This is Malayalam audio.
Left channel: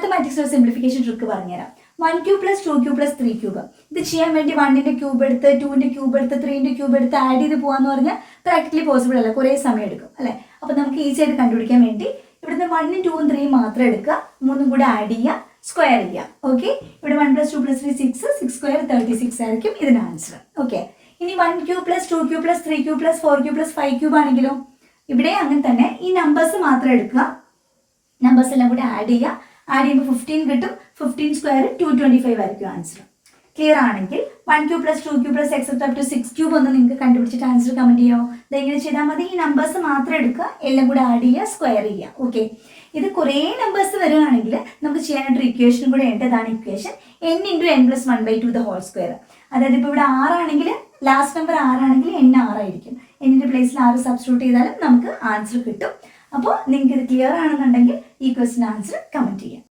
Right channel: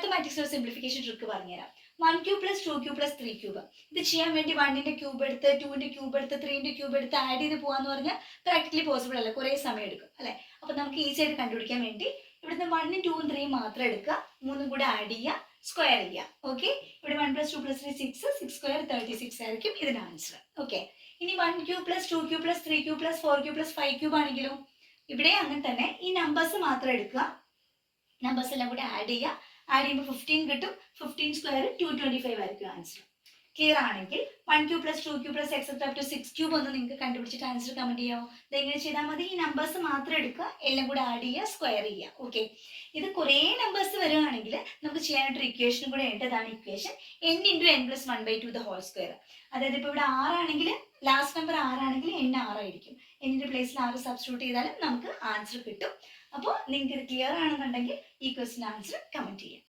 മാത്തമാറ്റിക്സ് ഒരു സിംപ്ലിഫിക്കേഷൻ ട്രിക്ക് പറഞ്ഞുതരാം. 1 cube plus 2 cube plus 3 cube. ഇത് ചെയ്യാൻ വേണ്ടി 1ന്റെ ക്യൂബ് എടുത്ത് 2ന്റെ ക്യൂബ് എടുത്ത് 3ന്റെ ക്യൂബ് എടുത്ത് ആഡ് ചെയ്ത് പോകാന്ന് പറഞ്ഞാൽ പ്രാക്ടിക്കലി പോസിബിൾ അല്ല, കുറേ സമയം എടുക്കും അല്ലേ. അപ്പോൾ നമുക്ക് ഈസി ആയിട്ട് കണ്ടുപിടിക്കാൻ വേണ്ടി ഇവിടുന്ന് 1ഉം 2ഉം 3ഉം മാത്രം എടുക്കുക, 3ഉം കൂടെ ആഡ് ചെയ്യുക, സ്ക്വയർ ചെയ്യുക. ഓക്കെ, ഇവിടെ 1 + 2 + 3 6, 6 സ്ക്വയർ 36 ആയിരിക്കും ഇതിന് ആൻസർ. ഓക്കെ, ഇനി 1 cube plus 2 cube plus 3 cube plus 4 cube plus 5 cube ആണെങ്കിലോ ഇവിടെ അങ്ങനെ തന്നെ ഈ നമ്പേഴ്സ് മാത്രം എടുക്കുക, നമ്പേഴ്സ് എല്ലാം കൂടി ആഡ് ചെയ്യുക, ആഡ് ചെയ്യുമ്പോൾ 15 കിട്ടും. 15 സ്ക്വയർ 225 ആയിരിക്കും ആൻസർ. ക്ലിയർ ആണെങ്കിൽ 1 cube plus 2 cube plus except up to 6 cube ഒന്ന് നിങ്ങൾക്ക് കണ്ടുപിടിച്ചിട്ട് ആൻസർ കമന്റ് ചെയ്യാമോ? ഇതെങ്ങനെ ചെയ്താൽ മതി? ഈ നമ്പേഴ്സ് മാത്രം എടുക്കുക, എല്ലാം കൂടെ ആഡ് ചെയ്യുക, സ്ക്വയർ ചെയ്യുക. ഓക്കെ, ഇത് കുറേ നമ്പേഴ്സ് വരികയാണെങ്കിൽ നമുക്ക് ചെയ്യാനായിട്ടൊരു ഇക്വേഷനും കൂടെ ഉണ്ട്. ഇതാണ് equation n × n + 1/2 the whole square. അതായത് ഇപ്പോൾ ഇവിടെ 6 ആണെങ്കിൽ ലാസ്റ്റ് നമ്പർ 6 ആണെങ്കിൽ n 6 ആയിരിക്കും. എന്നിൻ്റെ പ്ലേസിൽ 6 സബ്സ്റ്റിറ്റ്യൂട്ട് ചെയ്താലും നമുക്ക് ആൻസർ കിട്ടും. അപ്പോൾ നിങ്ങൾക്ക് ഇത് ക്ലിയർ ആണെന്നുണ്ടെങ്കിൽ ഈ ക്വസ്റ്റിന് ആൻസർ കമന്റ് ചെയ്യാം.